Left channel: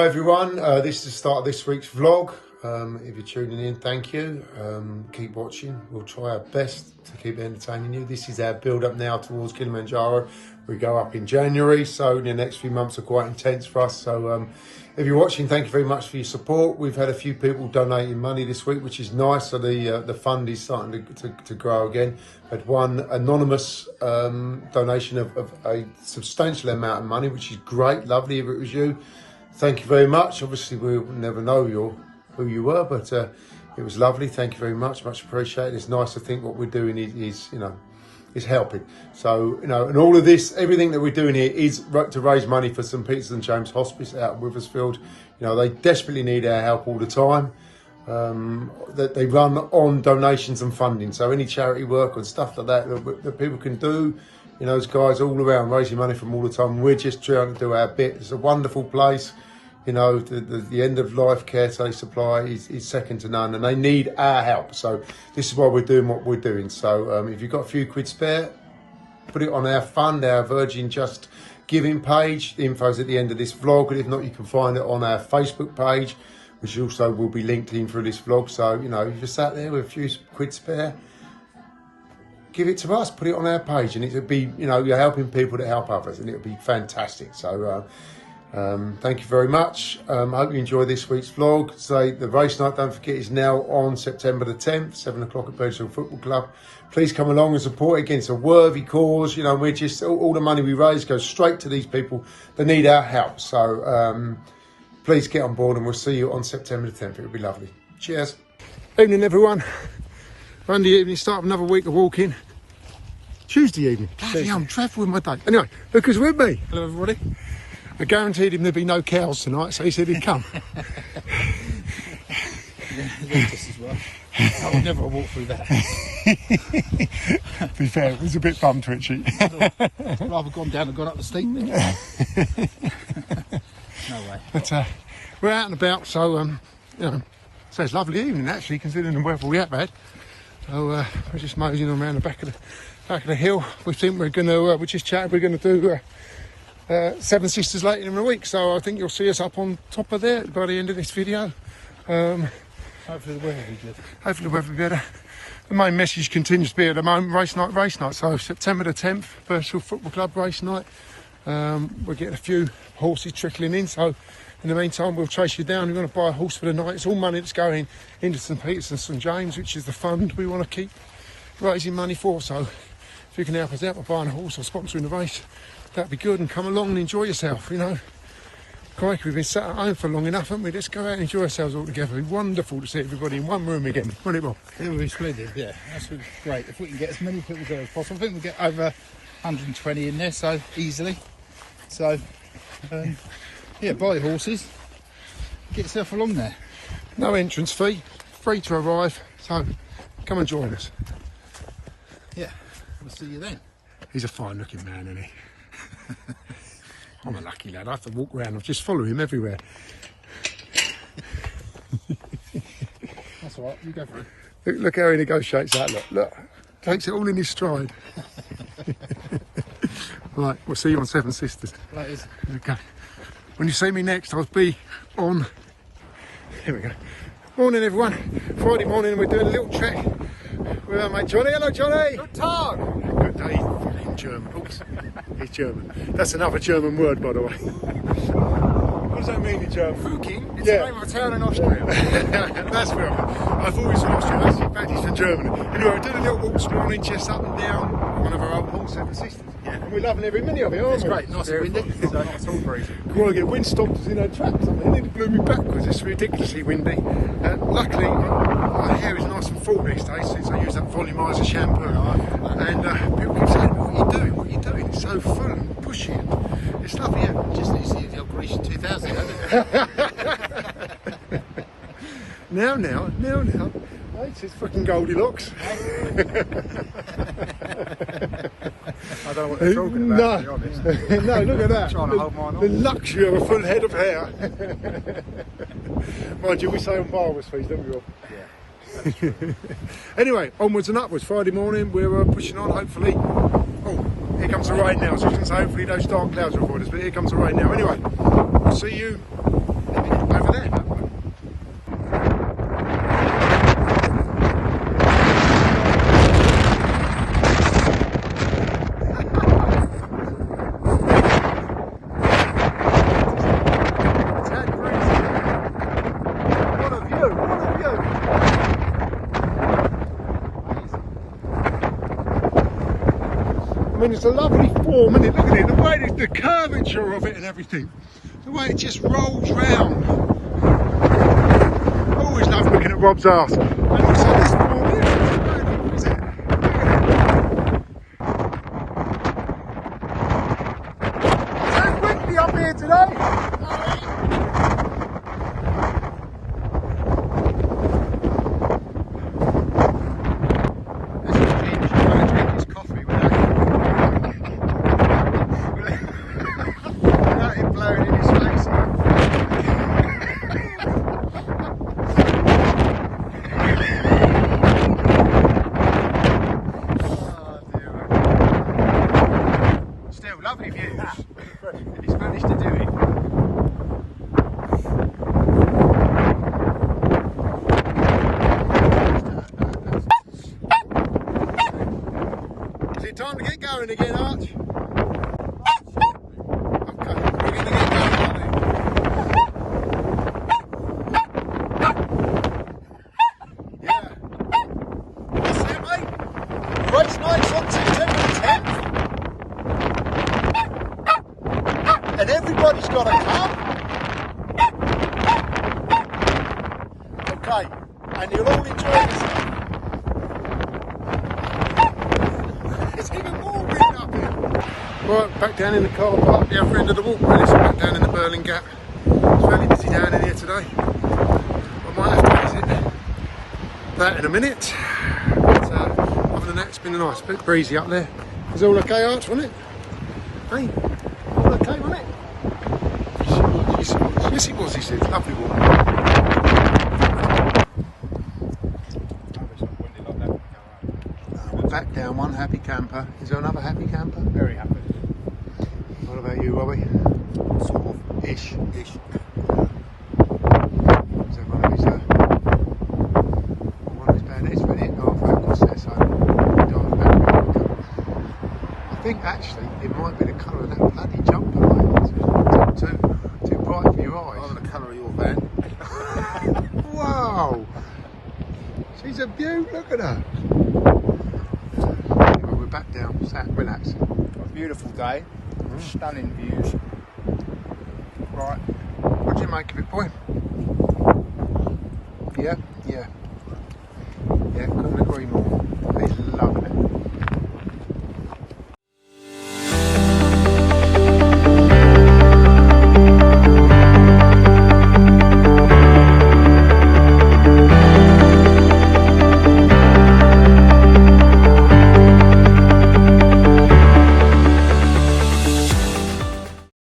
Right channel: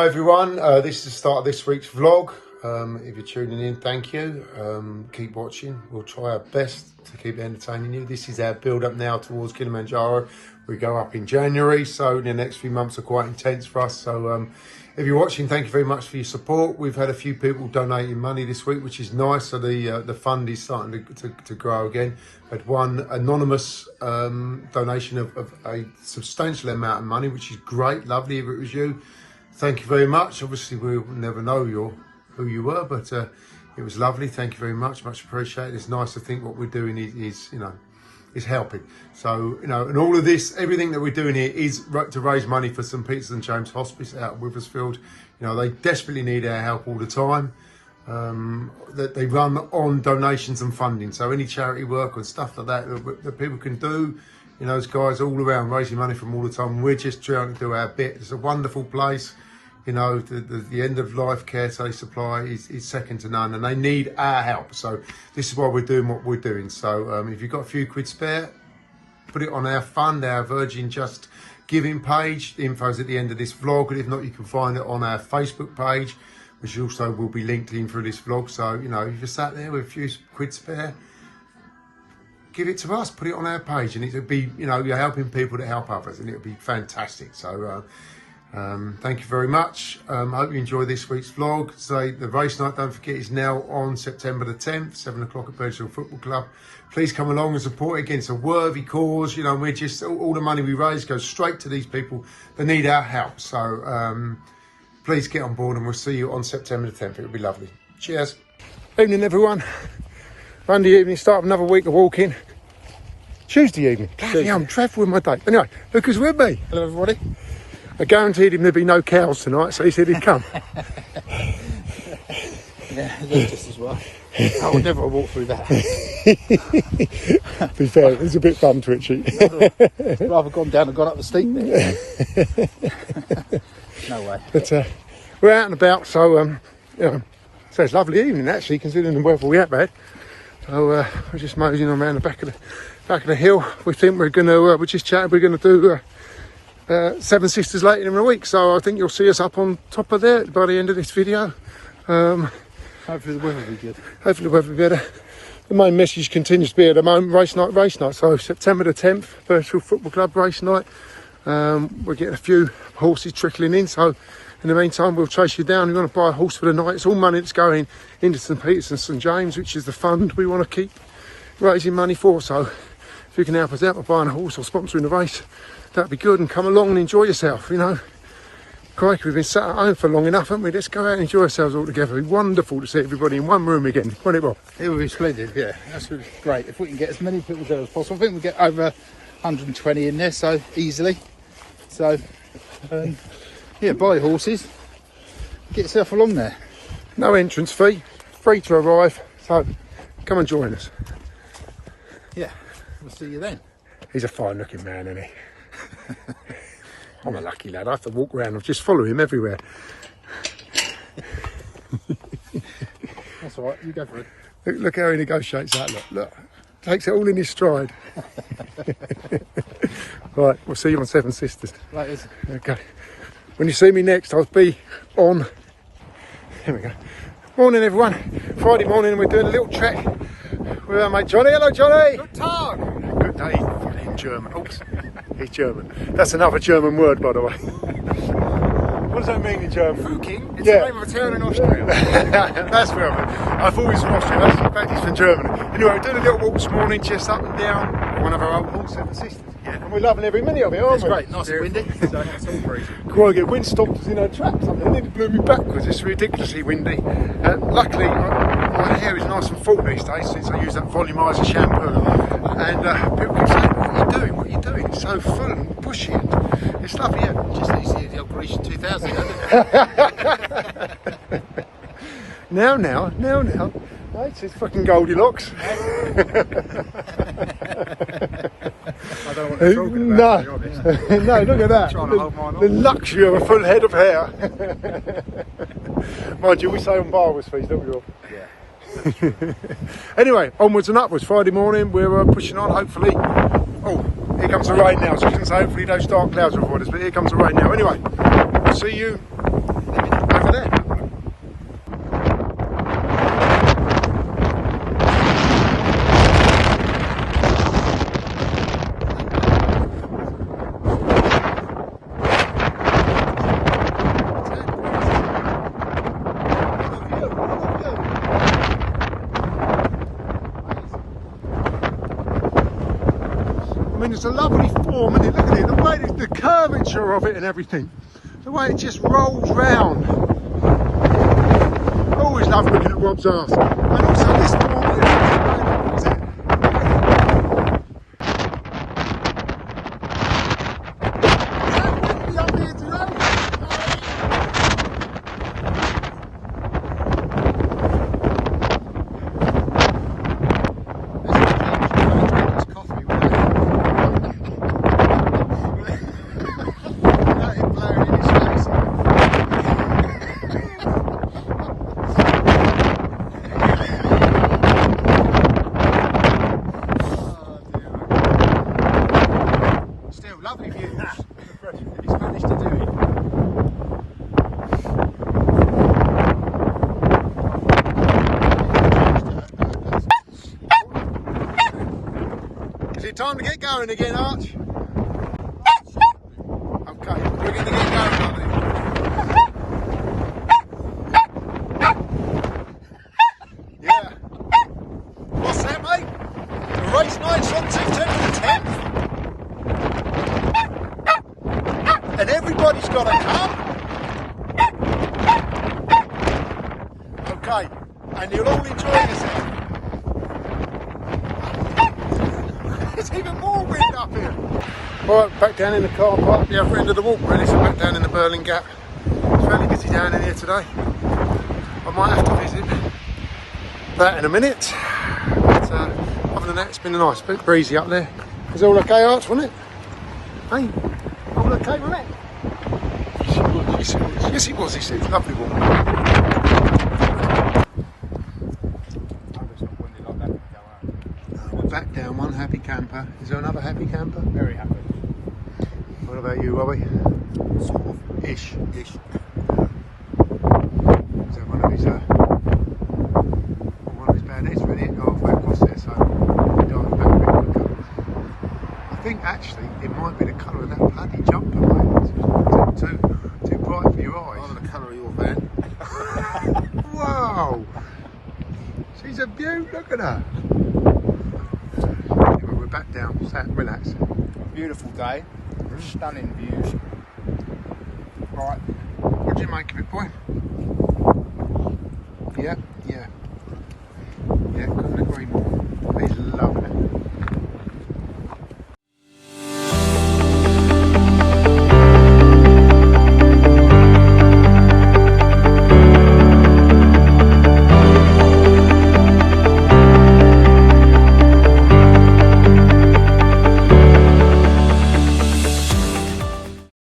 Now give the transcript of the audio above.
Hi everyone, this is the start of this week's vlog. If you're tuning in, thank you. Keep watching. We'll try our best to keep entertaining you. This is our build up now towards Kilimanjaro. We go up in January, so the next few months are quite intense for us. So if you're watching, thank you very much for your support. We've had a few people donating money this week, which is nice. So the fund is starting to grow again. Had one anonymous donation of a substantial amount of money, which is great, lovely if it was you. Thank you very much. Obviously, we'll never know who you were, but it was lovely. Thank you very much. Much appreciated. It's nice to think what we're doing is helping. So, and all of this, everything that we're doing here is to raise money for St. Peter St. James Hospice out of Withersfield. They desperately need our help all the time. That they run on donations and funding. So any charity work and stuff like that people can do. Those guys all around raising money from all the time. We're just trying to do our bit. It's a wonderful place. The end of life care they supply is second to none, and they need our help. So this is why we're doing what we're doing. So if you've got a few quid spare, put it on our fund, our Virgin Just Giving page. The info's at the end of this vlog, but if not, you can find it on our Facebook page, which also will be linked in through this vlog. So, if you're sat there with a few quid spare, give it to us, put it on our page, and it could be, you're helping people to help others, and it would be fantastic. So, thank you very much. Hope you enjoy this week's vlog. So, the race night, don't forget, is now on September the 10th, 7 o'clock at Birchfield Football Club. Please come along and support it against a worthy cause. We're just, all the money we raise goes straight to these people that need our help. So, please get on board, and we'll see you on September the 10th. It'll be lovely. Cheers. Evening, everyone. Monday evening, start of another week of walking. Tuesday evening. Bloody hell, I'm dreadful with my date. Anyway, look who's with me. Hello, everybody. I guaranteed him there'd be no cows tonight, so he said he'd come. Yeah, just as well. I would never walk through that. To be fair, it was a bit bum twitchy. Rather gone down and gone up the steep bit. No way. But we're out and about, so so it's a lovely evening actually, considering the weather we have had. So we're just moseying on around the back of the hill. We think we're gonna we're just chatting. We're gonna do Seven Sisters later in the week, so I think you'll see us up on top of there by the end of this video. Hopefully the weather will be good. Hopefully the weather will be better. The main message continues to be at the moment, race night. So September the 10th, Birchfield Football Club race night. We're getting a few horses trickling in, so in the meantime we'll chase you down. You want to buy a horse for the night, it's all money that's going into St. Peter's and St. James, which is the fund we want to keep raising money for. So if you can help us out by buying a horse or sponsoring the race, that'd be good, and come along and enjoy yourself. Crikey, we've been sat at home for long enough, haven't we? Let's go out and enjoy ourselves all together. It'd be wonderful to see everybody in one room again, won't it, Bob? It would be splendid, yeah. That's great. If we can get as many people there as possible. I think we'll get over 120 in there, so easily. So, yeah, buy horses, get yourself along there. No entrance fee, free to arrive, so come and join us. Yeah, we'll see you then. He's a fine looking man, isn't he? I'm a lucky lad, I have to walk around and just follow him everywhere. That's all right, you go for it. Look how he negotiates that, look. Takes it all in his stride. Right, we'll see you on Seven Sisters. That is. Okay. When you see me next, I'll be on... Here we go. Morning, everyone. Friday morning, and we're doing a little trek with our mate Johnny. Hello, Johnny. Good Tag. Good day. German. Oops. He's German. That's another German word, by the way. What does that mean in German? Fuking? It's the name of a town in Austria. That's fair. I thought it was from Austria. That's in fact it's from Germany. Anyway, we're doing a little walk this morning, just up and down one of our old horse, Seven Sisters. Yeah. And we're loving every minute of it, aren't we? It's great, nice and windy. So that's all crazy. Quite get wind stopped us in our tracks. I mean, it blew me backwards. It's ridiculously windy. Luckily, my hair is nice and full these days since I use that volumizer shampoo. And people can say, what are you doing? It's so full and bushy. It's lovely. Just needs to use the old Grecian 2000, doesn't it? Now. Right, it's fucking Goldilocks. I don't know what they're talking about, to be honest. No, look at that. Trying to hold mine on. The luxury of a full head of hair. Mind you, we say on Barber's fees, don't we all? Yeah. Anyway, onwards and upwards. Friday morning, we're pushing on, hopefully. Oh, here comes the rain now. So I was going to say, hopefully those dark clouds will avoid us, but here comes the rain now. Anyway, I'll see you over there. I mean, it's a lovely form, isn't it? Look at it, the way the curvature of it and everything, the way it just rolls round. Always love looking at Rob's arse. And also this form, is it? Is that windy up here today? Lovely view. He's managed to do it. Is it time to get going again, Arch? Okay. Yeah. What's that, mate? And everybody's got a come. Okay, and you'll all enjoy yourself. It's even more wind up here. Right, back down in the car park, the other end of the walk really, so back down in the Berlin Gap. It's fairly busy down in here today. I might have to visit that in a minute. But other than that, it's been a nice bit breezy up there. It was all okay, Arch, wasn't it? Hey, all okay, wasn't it? Yes, it was, he said. Lovely walk. We're back down one happy camper. Is there another happy camper? Very happy. What about you, Robbie? Sort of. Ish. Ish. Is that one of his bad heads really? Halfway across there, so diving back a bit quicker. I think actually it might be the colour of that bloody jumper, mate. It's too bright for your eyes. Rather the colour of your van. Wow! She's a beaut, look at her. Anyway, we're back down, sat relaxing. A beautiful day. Stunning views. Right. What do you make of it, boy? Yeah, couldn't agree more. He's loving it.